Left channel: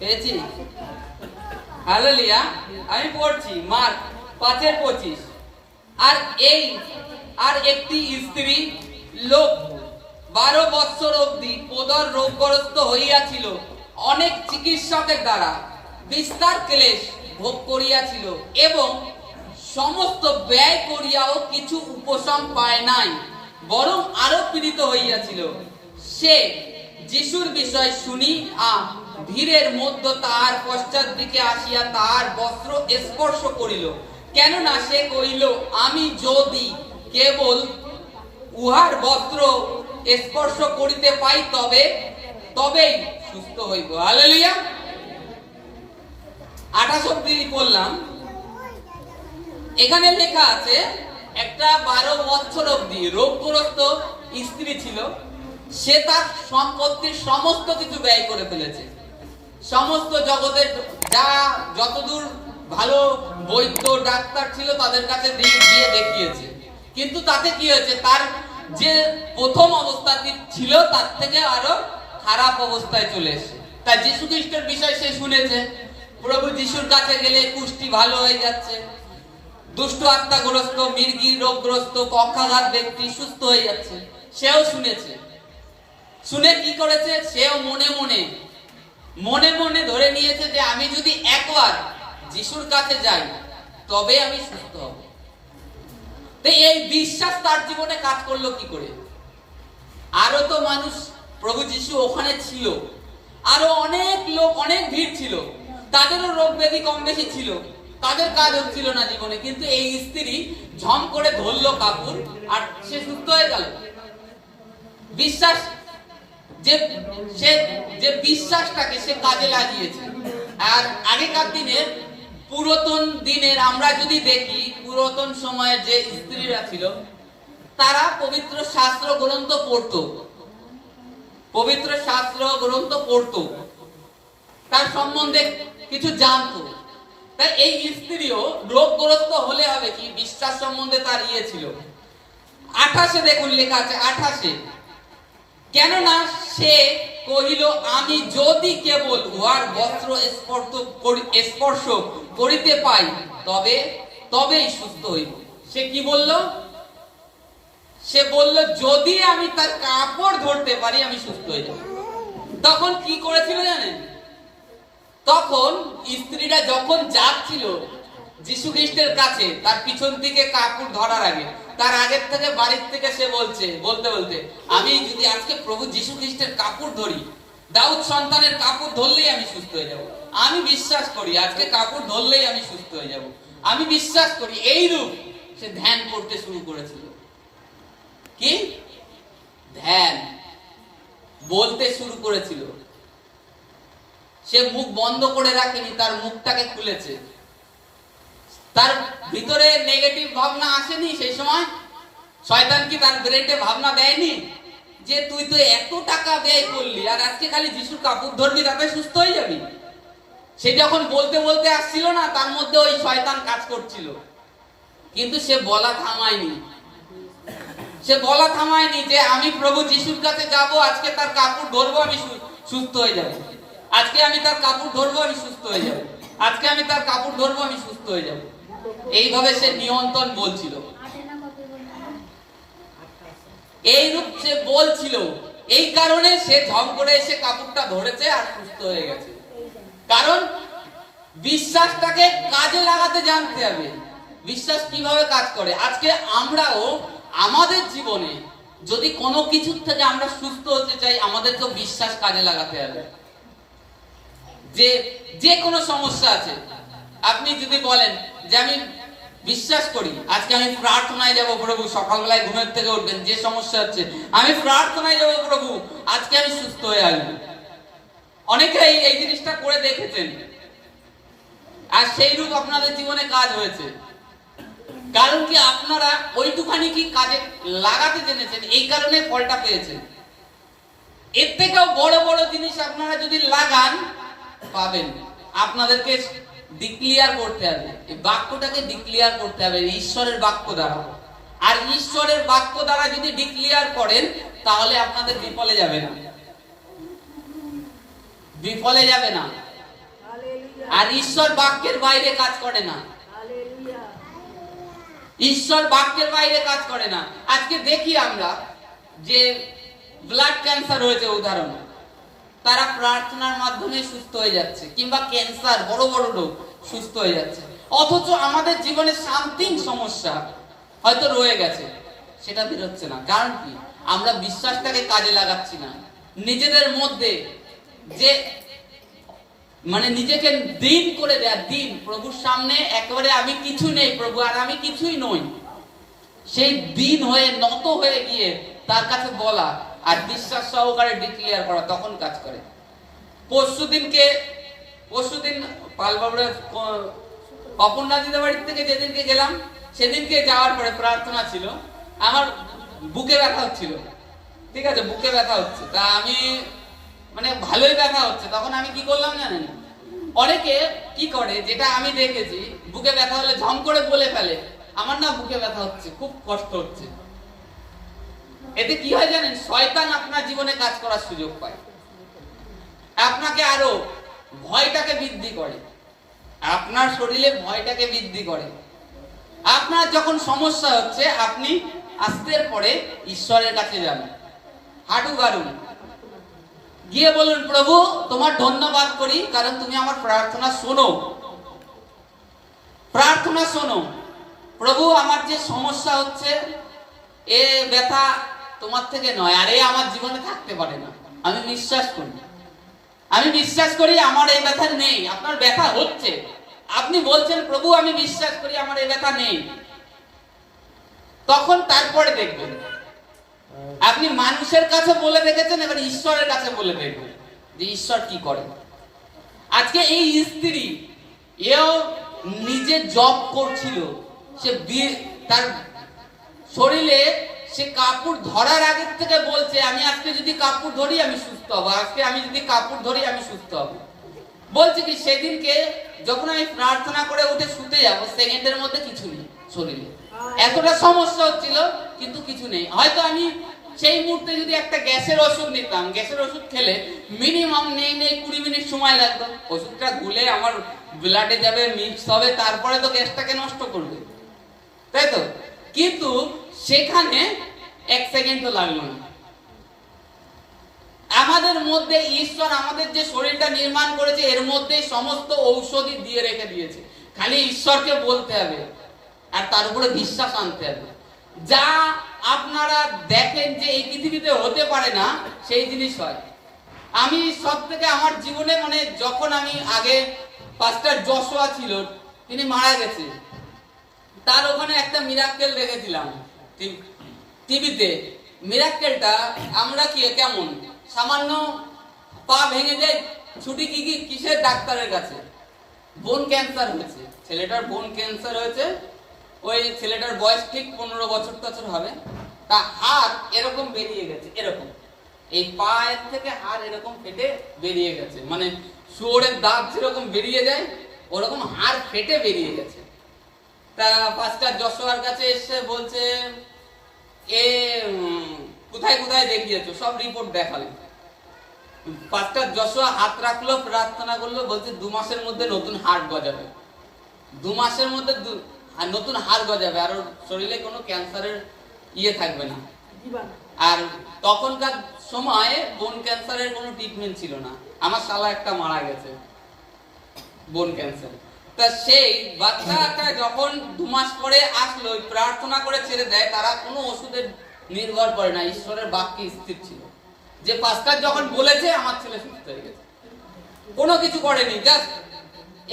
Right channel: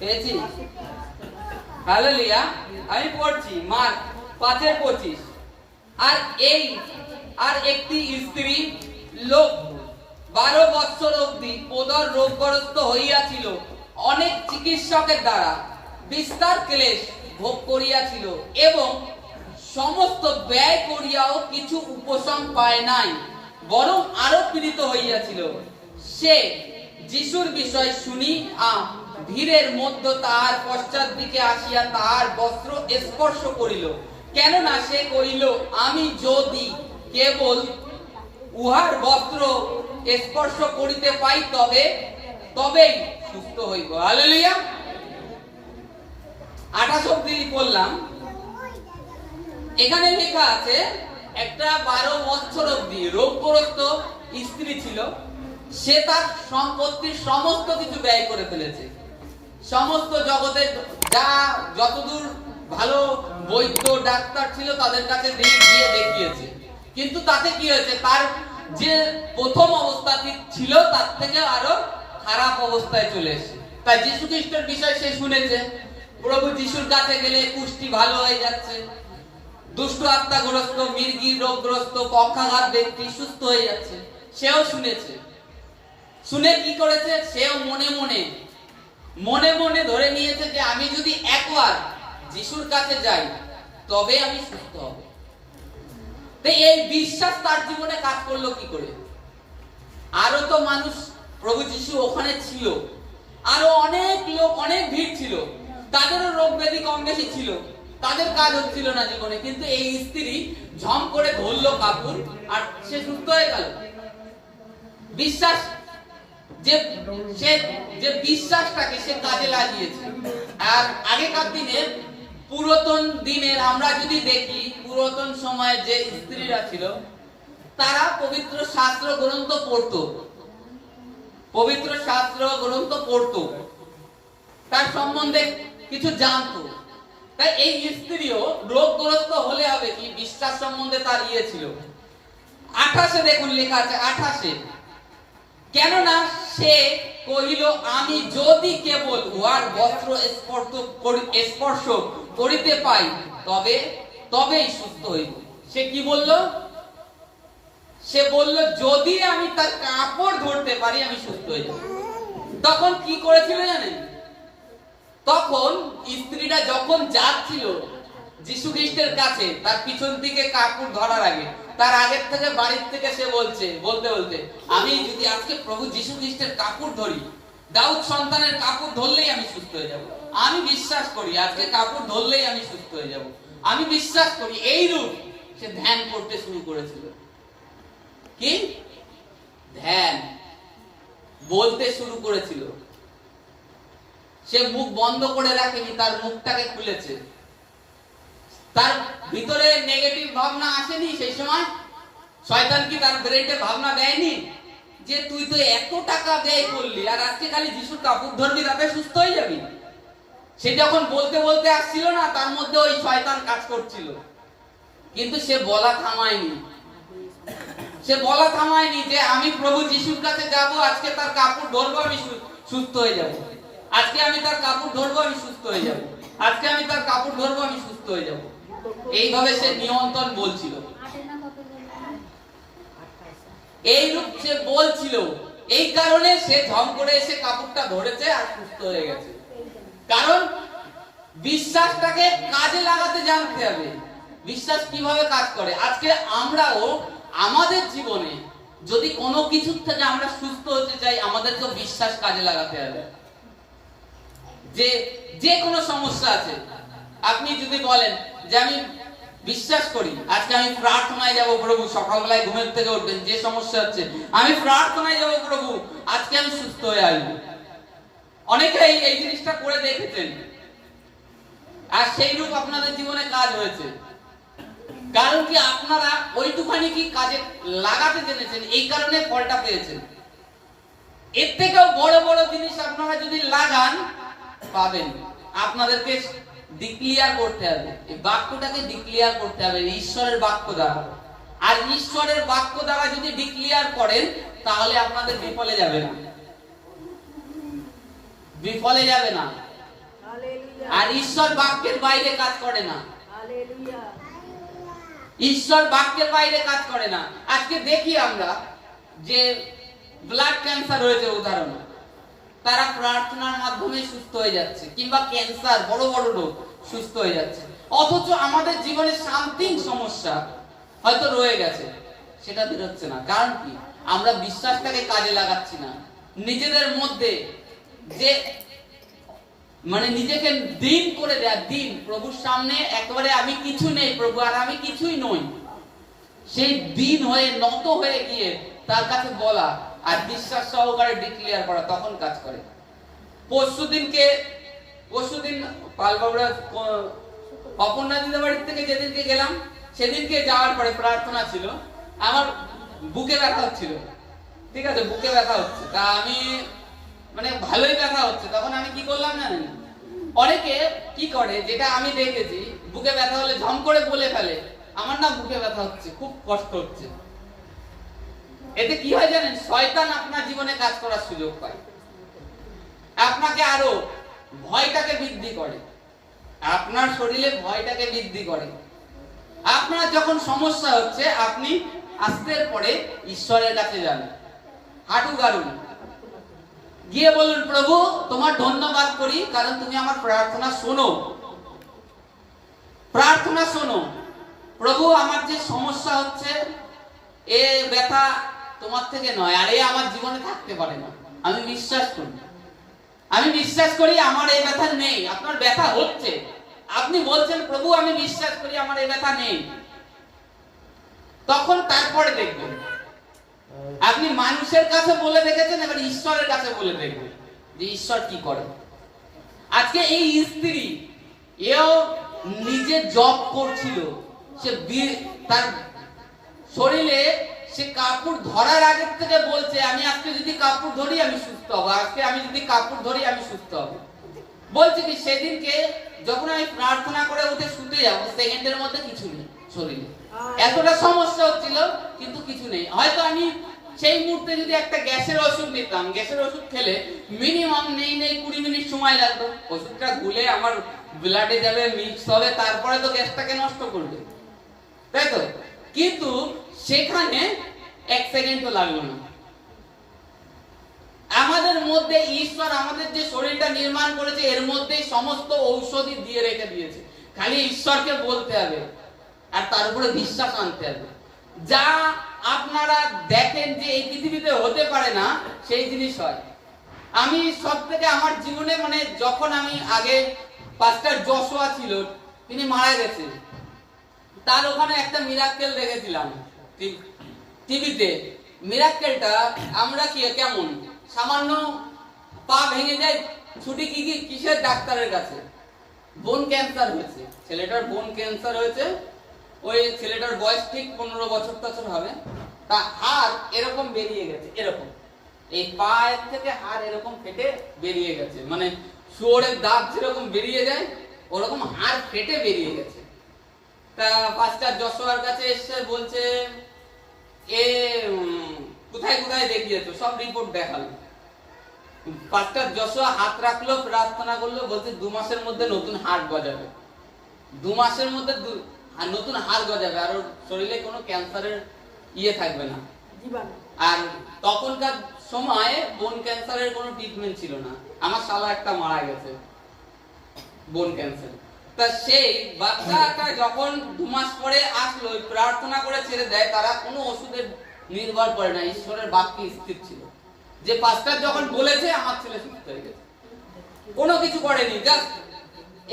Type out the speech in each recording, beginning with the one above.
পেয়েছি। হালেলুয়া। আমি পড়ছি মার্ক 5:25। আর একটি স্ত্রী লোক 12 বৎসর অবধি পোদর রোগগ্রস্ত হইয়াছিল, অনেক চিকিৎসকের দ্বারা বিস্তার ক্লেশ ভোগ করিয়াছিল এবং সমস্ত ব্যয় করিয়াও কিছু উপশম পায় নাই, বরং আরো পীড়িত হইয়াছিল। সে যিশুর বিষয় শুনি ভিড়ের মধ্যে তাহার পশ্চাৎ দিকে আসিয়া তাহার বস্ত্র স্পর্শ করিল, কেননা সে কহিল, আমি যদি কেবল উহার বস্ত্র স্পর্শ করিতে পাই তবেই সুস্থ হইব। হালেলুয়া। 28 অবধি পড়লাম। এখানে লেখা আছে একটা 12 বছর অবধি রোগগ্রস্ত স্ত্রী ছিল, সে তার সম্পত্তির সমস্ত কিছু ব্যয় করে ফেলেছে। সমস্ত জগতে যতদূর ভালো বৈদ্য ডাক্তার ছিল তাদের কাছে গিয়ে দেখিয়েছে, কিন্তু তাতে কি হয়েছে, তার যে প্রথম অবস্থাটি ছিল তার থেকে আরো খারাপ অবস্থায় চলে এসেছে। তাই যীশু খ্রিস্টের বিষয় সে শুনেছে, প্রভু যিশুর কাছে গেলে কুষ্টি ভালো হয়ে যাচ্ছে, দুষ্ট আত্মাগ্রস্ত, মির্গির রোগগ্রস্ত, পক্ষাঘাত ব্যক্তি সুস্থ হয়ে যাচ্ছে, সেও শুনেছে। শুনে কি করেছে, সেও মনে মনে ধরে নিয়েছে যে আমি যদি একবার যিশুর কাছে যাই তবে আমি সুস্থ হব। এই বিশ্বাস তার জীবনে কাজ করলো কি করে? আরো তো মানুষ, প্রভু যিশু ওখানে ছিল, আরো অনেক লোক, অনেক ভিড় ছিল, তাদেরও রোগ ব্যাধি কম বেশি ছিল, তাদের কাজ হচ্ছিল না জীবনে, কিন্তু এই স্ত্রী ঝম করে ধরলো কাপড় আর সে সুস্থ হয়ে গেল। বিশ্বাস, যে বিশ্বাসটাকে সে কাজে লাগিয়েছে। আর আগেকার দিনের, পুরাতন দিনের আমরা যদি দেখি, পুরাতন সময়ে যে স্ত্রীরা ছিল তারা পবিত্র শাস্ত্র গ্রন্থ পড়তো, তার সম্বন্ধে কিছু জানতো। তাই এই স্ত্রীও রোগগ্রস্ত হলে হবে কি, বিশ্বাস সম্বন্ধে তার ছিল। 28 দেখুন লেখা আছে, 28, কেননা সে কহিল, আমি যদি কেবল উহার বস্ত্র স্পর্শ করিতে পাই তবেই সুস্থ হইব। সে কি বলল? সে বলল, যদি আমি তার কাপড় ধরতে পারি আমি সুস্থ হয়ে যাব। তখন কি করেছিল জানেন? তখন স্ত্রীরা যখন যাচ্ছিল যীশু খ্রিস্টের কাছে, তার পিছন থেকে কাপড় ধরার আগে, তার আগের থেকে বাড়ির থেকে সে বলতে আমি যদি আজকে প্রভু যীশু খ্রিস্টের কাপড় ধরি, দাউদ সন্তানের কাপড় ধরলেই আমি সুস্থ হয়ে যাব। আমি বিশ্বাস করি আজকে কাপড় ধরলেই আমি সুস্থ হয়ে যাব, আমি বিশ্বাস করি। এইরূপ সে ধ্যান করতে শুরু করেছিল। কি ধ্যান বলতে শুরু করেছিল। সে মুখ বন্ধ করে রাখেনি, তার মুখটাকে খুলেছে। তার ভিতরে নেগেটিভ ভাবনা আসেনি সেই সময়। শয়তান কি তার ব্রেনে ভাবনা দেয়নি যে তুই তো এত টাকা ব্যয় করলি আর আজকে খালি যিশুর কাপড় ধরবি তাতে সুস্থ হয়ে যাবি? সে যখন বলতে আসছিল না, তার মধ্যে ওই শয়তান কাজ করছিল, কিন্তু সে বলা থামায়নি যে আমি প্রভু যিশুর কাছে যাব, আজকে তার কাপড় ধরবো, আমি সুস্থ হয়ে যাব। আজকে আমি তার কাপড় ধরবো, আমি সুস্থ হয়ে যাব। আজকে আমি তার কাপড় ধরবো, আমি সুস্থ হয়ে যাব। এইভাবে সে নিয়ন্ত্রণ বলছিল, এইরূপ সে বলছিল। এই কারণে সে ঝম করে এসে কাপড়টা ধরেছে আর সুস্থ হয়ে গেছে। কারণ বিশ্বাসটাকে কাজে লাগাতে জানতে হবে। বিশ্বাস কিভাবে কাজ করে? আজকে আমরাও আমাদের জীবনে যদি কোনো কিছু থেকে আমরা সুস্থ হতে চাই, আমাদেরকে বিশ্বাস কাজে লাগাতে হবে। যে কোনো সমস্যা আছে, আপনি যদি বলেন যে আমি বিশ্বাস করি আজকে আমি প্রার্থনায় যাব প্রভু, সকালবেলায় ঘুমের থেকে উঠবেন, যে সমস্যা হচ্ছে আমি প্রার্থনায় যাব প্রভু, আজকে আমি সুস্থ হয়ে আসবো। অনেকেই এই জিনিসটা করে দেখেছেন আর সেই রূপ আপনাদের জীবনে কাজ হয়েছে। কারণ কি, আপনারা ওইটুখানি কি কাজে লাগাতে জেনেছেন, এই কারণে ফলটা পেয়েছেন। এর থেকেও বড় বড় জিনিস আপনারা যদি লাগান পাবেন। আপনাদেরকে ডিক্লিয়ার করতে হবে, এই বাক্যটাকে ডিক্লিয়ার করতে হবে ঈশ্বরের বাক্য দ্বারা। আর ঈশ্বরের বাক্য দ্বারা যদি ডিক্লিয়ার করেন তাহলে আপনাদের বিফলে যাবে না। আর ঈশ্বর বাক্যের বাইরে কাজ করে না। ঈশ্বর বাক্যের বাইরে কাজ করে না। আজকে দেখি আমরা যে ব্লাড ক্যান্সার হয়েছে উদাহরণ, তারা প্রার্থনার মাধ্যমে সুস্থ হয়ে যাচ্ছে, কিংবা ক্যান্সার বড় বড় রোগ সুস্থ হয়ে যাচ্ছে। অথচ আমাদের জীবনে সামথিং সমস্যা হয়তো রয়ে গেছে, সেটা বেরোচ্ছে না। কারণ কি? আমরা বিশ্বাসটাকে কাজে লাগাচ্ছি না। নিজেদের মধ্যে যে নিজেকে দিন করে দেয়া, দিন প্রভুর সামনে একেবারে আমি কিছু নেই প্রভু, আর আমি কিছুই নই, সেই দিন হয়ে নত হয়ে গিয়ে তার কাছে বলা আর বিশ্বাস সহকারে ডিক্লেয়ার করা, তখন কাজ করে। পরশুদিন পালবাবুরা অপর্ণা দিদা বাড়ির থেকে যেদিনকে গেলাম, সেদিনকে যাওয়ার পরে প্রার্থনা ছিল, আমার বুকে ব্যথা হচ্ছিল। ঠিক আছে, বুকে ব্যথা হচ্ছে, তা আমি ভালোই ব্যথা হচ্ছে। তখন আমি কি করলাম জানেন? অনেকে কি করে, যেটা আমি দেখেছি, বুকে ব্যথা হলে ঝম করে বলে ফেলে আমার না বুকে ব্যথা হচ্ছে, খুব কষ্ট হচ্ছে। এতে কি হয় জানেন? শয়তান আপনার জীবনে কাজ করার সুযোগ পায়, আপনাকে আরো ভয়টাকে বৃদ্ধি করে, আপনার শরীরে ভয়টাকে বৃদ্ধি করে। আপনার যখন সমস্যা হচ্ছে, আপনি আস্তের পরে ঈশ্বরের কাছে যান, হাঁটু গাড়ুন, গিয়ে বলুন প্রভু তোমার ধন্যবাদ করি, কারণ তুমি আমার প্রার্থনা শোনো, প্রার্থনা শোনো। প্রভু আমার যে সমস্যা হচ্ছে, এ ব্যথা তোমার থেকে নয়, আর এ আমার জীবনে থাকতে পারে না। আমি বিশ্বাস করি আমার এই ব্যথা নেই। আপনার ব্যথা হচ্ছে, আপনি বলছেন প্রভু আমি বিশ্বাস করি আমার এই ব্যথা নেই। তখন তারপরে দেখবেন, আপনি মানুষের কাছে বলে দেখেছেন, এবার ঈশ্বরের কাছে বলে দেখবেন যে ঈশ্বর কি করে। আজকে এই স্ত্রী, এও নিজে জব করছিল, সে তার শরীরে সে কাপড় ধরার আগের থেকে বলছে আমি আজকে যদি কাপড় ধরি আমি সুস্থ হব, আজকে আমি যদি কাপড় ধরি আমি সুস্থ হব। বলছে কি সেদিনকে যখন আমি প্রার্থনা করে উঠে শুতে যাব, সেকেন্ডের মধ্যে কিছু নেই শরীরে, এতটা সমস্যা হচ্ছিল কিন্তু কিছু নেই। হয়তো আমি সেই মুহূর্তে যদি একটা গ্যাসের ওষুধ নিতাম, গ্যাসের ওষুধ খেলে মিনিমাম নেই 20 মিনিট সময় লাগতো, ওষুধটা গুলে আমার ব্লাডে যাবে, মিক্স হবে, তারপরে তো গ্যাসটাকে নষ্ট করবে, তাই তো? কিন্তু সেখানে 1 সেকেন্ডও লাগলো না। আমাদের মধ্যে ঈশ্বর আমাদের যে শরীরটা নির্মাণ করেছে, এর মধ্যে সমস্ত ঔষধই দিয়ে রেখে দিয়েছে, খালি ঈশ্বরকে বলতে হবে আর তার উপরে বিশ্বাস আনতে হবে। যা আপনারা দেখেন যে এই পৃথিবীতে হতে পারে না, সেই জিনিস হয়। আমি সব থেকে আমার জীবনে যখন আমি আগে পাস্টার যশোয়া ছিল, তিনি মারা গেছে, তার ওখানে একটা মিরাক্কেল দেখেছিলাম টিভিতে। মিরাক্কেলটা আমরা কেমন সামান্য পা ভেঙে যায়, ছুটি কিসের ডাক্তারের কাছে, বোন ক্যান্সার হয়েছে, ছেলেটার বোন ক্যান্সার হয়েছে। ওই ছেলেটার বয়স ঠিক 15 বছর হবে, তা হাড় এরকম বেরিয়ে গেছে, এরকম এই পায়ের থেকে হাড় এরকম ফেটে বেরিয়ে গেছে, শুয়োরের দাঁত যেরকম বেরিয়ে যায় ওরকম হাড় ফেটে বেরিয়ে গেছে। তা পাস্টার যশোয়ার কাছে এসে বলছে এ কোথায় কোথায় দেখিয়েছো, সব রিপোর্ট দেখালো। পাস্টার যশোয়া হাত রাখলো, প্রার্থনা করলো, বলছে 2 মাসের মধ্যে নতুন হাড় গজাবে, 2 মাসের মধ্যে নতুন হাড় গজাবে, আর ওর শরীরে কোনো ক্যান্সারের থাকবে না। আর তখনকার সময় বোন ক্যান্সারের কোনো ট্রিটমেন্ট ছিল না। আমার শালা একটা মারা গেছে বোন ক্যান্সার। তা সেই বাচ্চাটা যখন 2 মাস পরে আসলো, প্রার্থনা করে ছেড়ে দেয়, তারা কোনো ওষুধের নির্ভর করে না, ঈশ্বরের বাক্যে স্থির ছিল যে পাস্টার যখন বলেছে আমার ছেলে সুস্থ হয়ে গেছে, কোনো কিছু করেনি। জাস্ট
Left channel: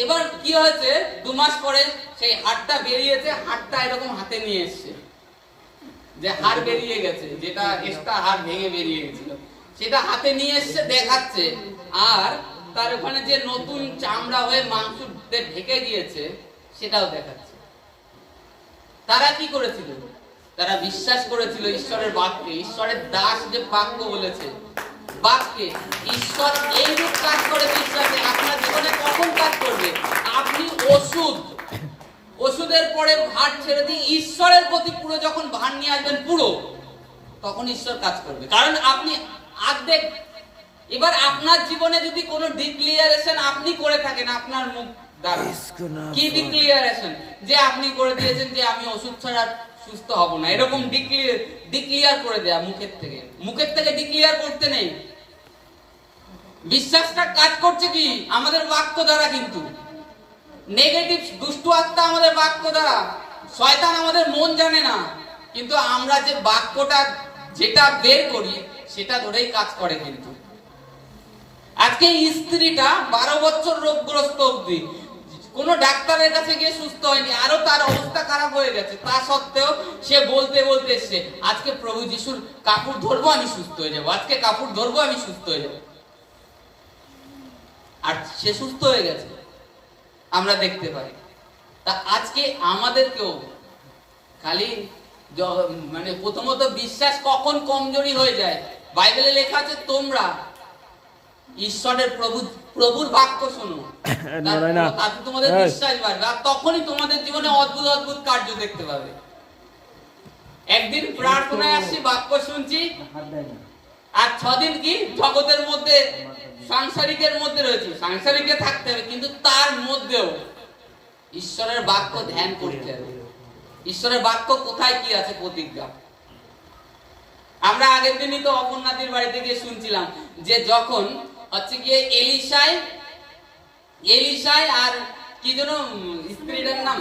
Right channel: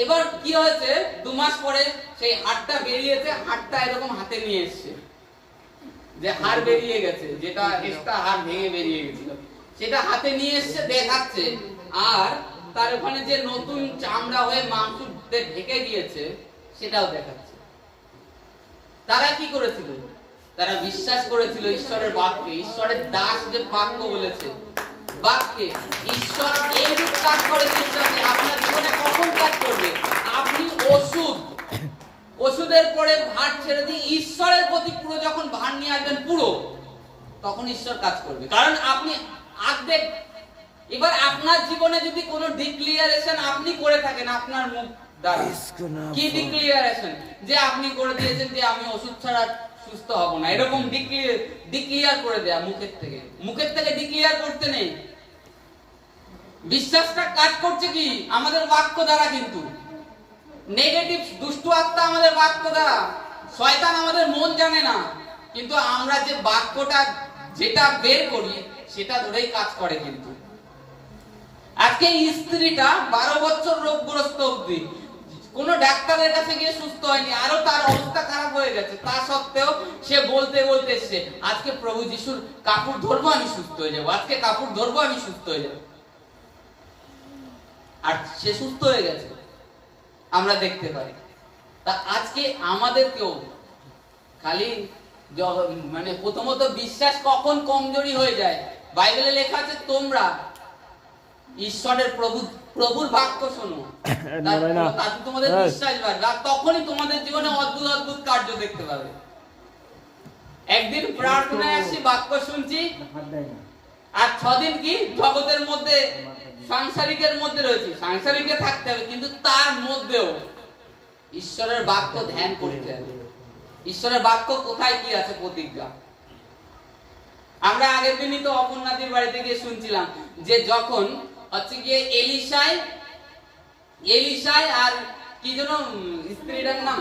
এবার কি হয়েছে, 2 মাস পরে সেই হাড়টা বেরিয়েছে, হাড়টা এরকম হাতে নিয়ে এসছে, যে হাড় বেরিয়ে গেছে, যেটা এক্সট্রা হাড় ভেঙে বেরিয়ে গেছিল, সেটা হাতে নিয়ে এসছে দেখাচ্ছে। আর তার ওখানে যে নতুন চামড়া হয়ে মাংস ঢেকে গিয়েছে সেটাও দেখাচ্ছে। তারা কি করেছিল? তারা বিশ্বাস করেছিল ঈশ্বরের বাক্যে, ঈশ্বরের দাস যে বাক্য বলেছে, বাক্যে ঈশ্বর এইরূপ কাজ করে বিশ্বাসে। আপনার জীবনে কখন কাজ করবে? আপনি ওষুধের পরে ভার ছেড়ে দিয়ে ঈশ্বরের প্রতি পুরো যখন ভার নিয়ে আসবেন পুরো, তখন ঈশ্বর কাজ করবে। কারণ আপনি অর্ধেক, এবার আপনার জীবনে যদি কোনো ডিক্লিয়ারেশন আপনি করে থাকেন আপনার মুখ দ্বারা, কি ডিক্লিয়ারেশন যে আপনি করে দিয়েছেন যে আমি ওষুধ ছাড়া সুস্থ হব না, এরকম ডিক্লিয়ার করে দেয়া মুখের থেকে ডিক্লিয়ার করতে নেই। বিশ্বাসটা কাজ করছে কি আমাদের বাক্য দ্বারা, কিন্তু নেগেটিভ দুষ্ট আত্মা আমাদের বাক্য দ্বারা, শয়তান আমাদের মন জানে না, কিন্তু আমরা যে বাক্যটা যেটা বের করি সেটা ধরেই কাজ করে। কিন্তু আজকে স্ত্রীটা 12 বছর রোগগ্রস্ত অবধি কোন ডাক্তারের কাছে গিয়ে সুস্থ হয়নি, আরো তার অবস্থা খারাপ হয়ে গেছে, তা সত্ত্বেও সে বলতে এসছে আজকে প্রভু যিশুর কাপড় ধরবো আমি সুস্থ হয়ে যাবো, আজকে কাপড় ধরবো আমি সুস্থ হয়ে যাবো, আর সে সুস্থ হয়ে গেছে, আমরা দেখতে পারি। তা আজকে আমাদেরকেও খালি মানে প্রথমত বিশ্বাস কখন কমজোরি হয়ে যায়, বাইবেলে লেখা আছে তোমরা ঈশ্বরের প্রভুর বাক্য শোনো, তাতে তোমাদের বিশ্বাস বাড়বে, আর তখনই তোমাদের জীবনে অদ্ভুত অদ্ভুত কার্য দেখতে পাবে। একদিন প্রার্থনায় আসছি, বাক্য শুনছি, আর 6 দিন কি জগতের মধ্যে সাংসারিকের মধ্যে রয়েছি, সাংসারিকে থাকতে হবে, কিন্তু তার মধ্যেও ঈশ্বরের বাক্য ধ্যান করতে হবে। ঈশ্বরের বাক্য কোথায় কি আছে প্রতিজ্ঞা। আমরা আগের দিনই তো অপর্ণাদির বাড়িতে গিয়ে শুনছিলাম যে যখন হচ্ছে গিয়ে এলিশাই আর কি যেন স্ত্রীটার নাম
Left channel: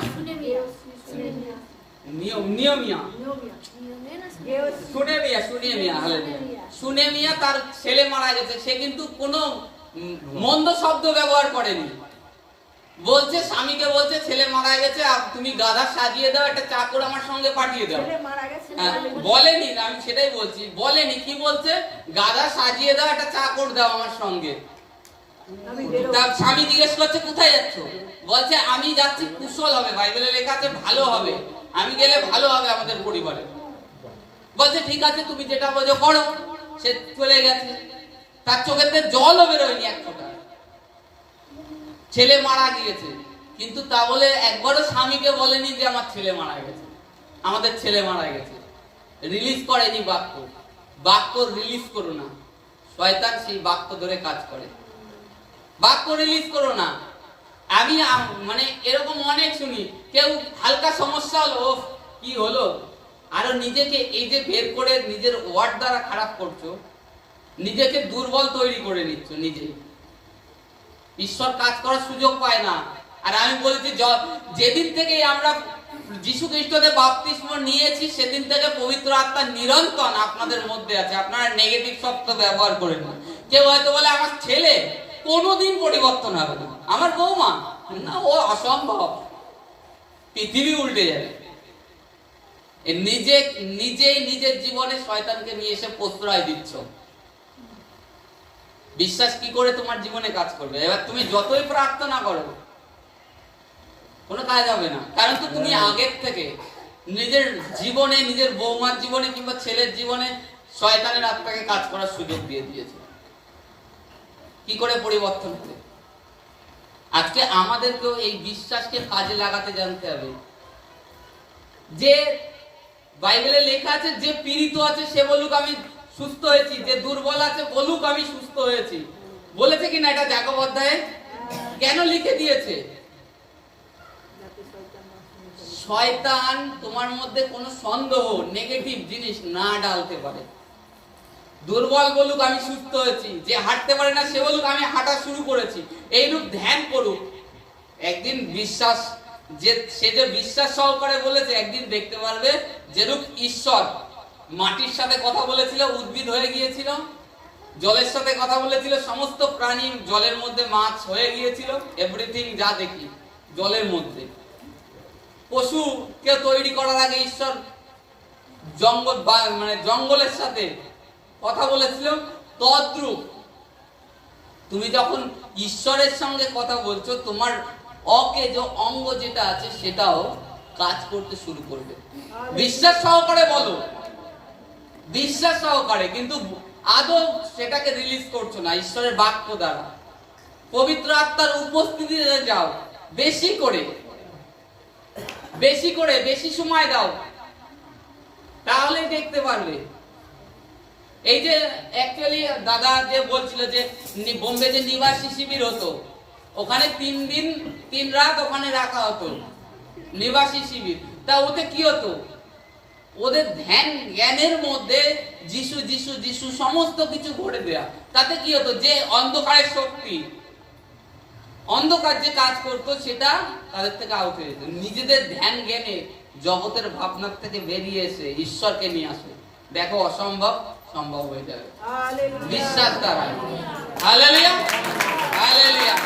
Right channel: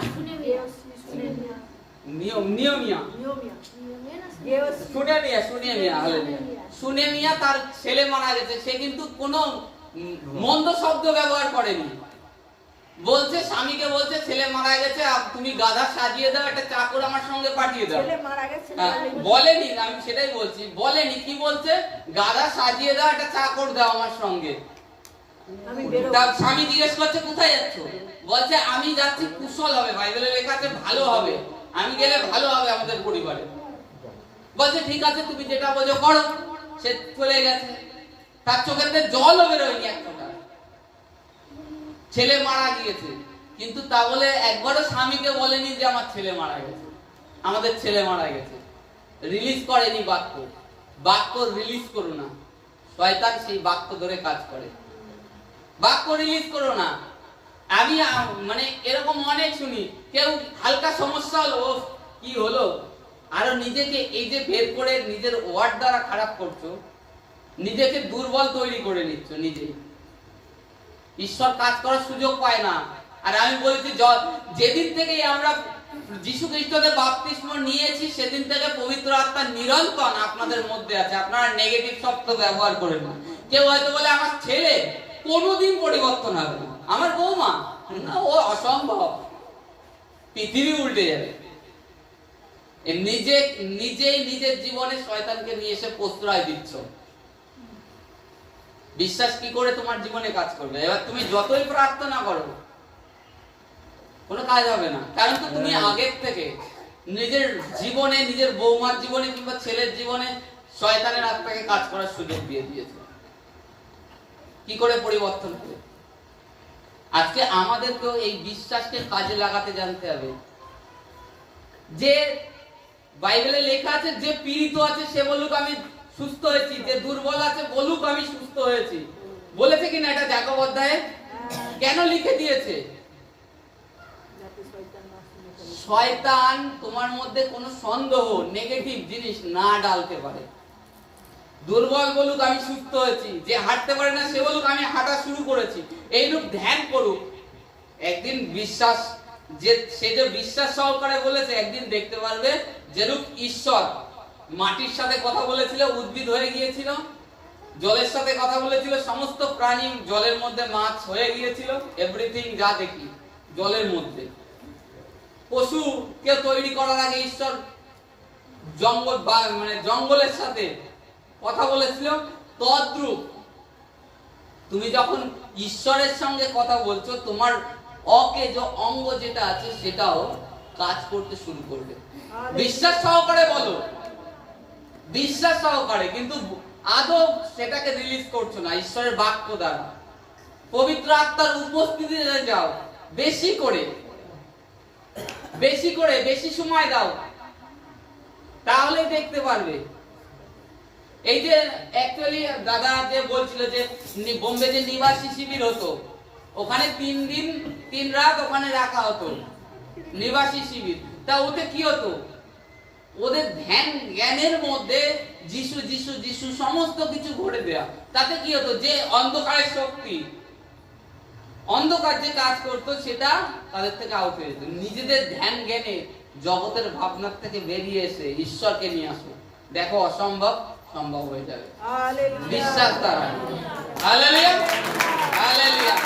সুনেমিয়া, তার ছেলে মারা গেছে, সে কিন্তু কোনো মন্দ শব্দ ব্যবহার করেনি, বলছে স্বামীকে বলছে ছেলে মারা গেছে, তুমি গাধা সাজিয়ে দাও, একটা চাকর আমার সঙ্গে পাঠিয়ে দাও। বলেনি, আমি সেটাই বলছি, বলেনি, কি বলছে গাধা সাজিয়ে দাও, একটা চাকর দাও আমার সঙ্গে। তার স্বামী জিজ্ঞেস করছে কোথায় যাচ্ছ, বলছে আমি যাচ্ছি কুশল হবে, বাইবেলে লেখা আছে ভালো হবে, আমি গেলে ভালো হবে আমাদের পরিবারে। বলছে ঠিক আছে তুমি যেটা বলছো করো, সে চলে গেছে, তার চোখেতে জলও বেরোয়নি এক ফোঁটা, ছেলে মারা গিয়েছে, কিন্তু তা বলে একবারও স্বামীকে বলেনি যে আমার ছেলে মারা গেছে, আমাদের ছেলে মারা গেছে, রিলিজ করেনি বাক্য রিলিজ করো না, শয়তান সেই বাক্য ধরে কাজ করে, বাক্য রিলিজ করো না। আমি মানে এরকম অনেক শুনি, কেউ হালকা সমস্যা হলো কি হলো, আর নিজেকে এই যে বের করে নিজের ওয়ার্ড দ্বারা খারাপ করছো, নিজেকে দুর্বল তৈরি করে নিচ্ছ নিজেই, ঈশ্বর কাজ করার সুযোগ পায় না। আর আমি বলছি যেদিন থেকে আমরা যীশু খ্রিস্টদের বাপ্তিস্ম নিয়েছি সেদিন থেকে পবিত্র আত্মা নিরন্তর আপনাদের মধ্যে আছে, আপনারা নেগেটিভ শব্দ ব্যবহার করেন না। কেউ হয়তো বলে আমার ছেলে কোনোদিন পরিবর্তন হবে না, আমার বৌমা না, ও অসম্ভব, পৃথিবী উল্টে যাবে। নিজেই নিজের জীবনে শয়তানকে নিয়ে এসে প্রশ্রয় দিচ্ছ। বিশ্বাস কি করে তোমার জীবনে কাজ করবে? এবার তুমি যতই প্রার্থনা করো কোনো কাজ হবে না, কারণ তো তুমি আগের থেকে নিজের জীবনে, নিজের বৌমার জীবনে কিংবা ছেলের জীবনে শয়তানের আত্মাকে কাজ করার সুযোগ দিয়ে দিয়েছে। কি করে পরিবর্তন হবে? আজকে আমাদেরকেও এই বিশ্বাসকে কাজে লাগাতে জানতে হবে। যে বাইবেলে লেখা আছে যে পীড়িত আছে সে বলুক আমি সুস্থ হয়েছি, যে দুর্বল আছে বলুক আমি সুস্থ হয়েছি, বলেছে কিনা এটা যাকব অধ্যায়ে? কেন লিখে দিয়েছে? শয়তান তোমার মধ্যে কোনো সন্দেহ, নেগেটিভ জিনিস না ডালতে পারে। দুর্বল বলুক আমি সুস্থ হয়েছি, যে হাঁটতে পারে না সে বলুক আমি হাঁটা শুরু করেছি, এইরূপ ধ্যান করুক। একদিন বিশ্বাস, সে যে বিশ্বাস সহকারে বলেছে, একদিন দেখতে পারবে যেরূপ ঈশ্বর মাটির সাথে কথা বলেছিল, উদ্ভিদ হয়ে গিয়েছিল, জলের সাথে কথা বলেছিল, সমস্ত প্রাণী জলের মধ্যে মাছ হয়ে গিয়েছিল, এভরিথিং যা দেখি জলের মধ্যে। পশু কে তৈরি করার আগে ঈশ্বর জঙ্গলের সাথে কথা বলেছিল, তদ্রূপ তুমি যখন ঈশ্বরের সঙ্গে কথা বলছো তোমার অকেজ অঙ্গ যেটা আছে সেটাও কাজ করতে শুরু করবে। বিশ্বাস সহকারে বলো, বিশ্বাস সহকারে, কিন্তু আদৌ সেটাকে রিলিজ করছো না ঈশ্বরের বাক্য দ্বারা। পবিত্র আত্মার উপস্থিতিতে যাও, বেশি করে বেশি সময় দাও, তাহলেই দেখতে পারবে। এই যে অ্যাকচুয়ালি দাদা যে বলছিল যে বোম্বে যে নিবাসী শিবির হতো, ওখানে 3 দিন 3 রাত ওখানে রাখা হতো, নিবাসী শিবির। তা ওতে কি হতো, ওদের ধ্যান জ্ঞানের মধ্যে যিশু যিশু যিশু সমস্ত কিছু ভরে দেয়া। তাতে কি হতো, যে অন্ধকারের শক্তি, অন্ধকার যে কাজ করতো সেটা তাদের থেকে আউট হয়ে যেত। নিজেদের ধ্যান জ্ঞানে জগতের ভাবনার থেকে বেরিয়ে এসে ঈশ্বরকে নিয়ে আসো, দেখো অসম্ভব সম্ভব হয়ে যাবে বিশ্বাস দ্বারা। Hallelujah, hallelujah.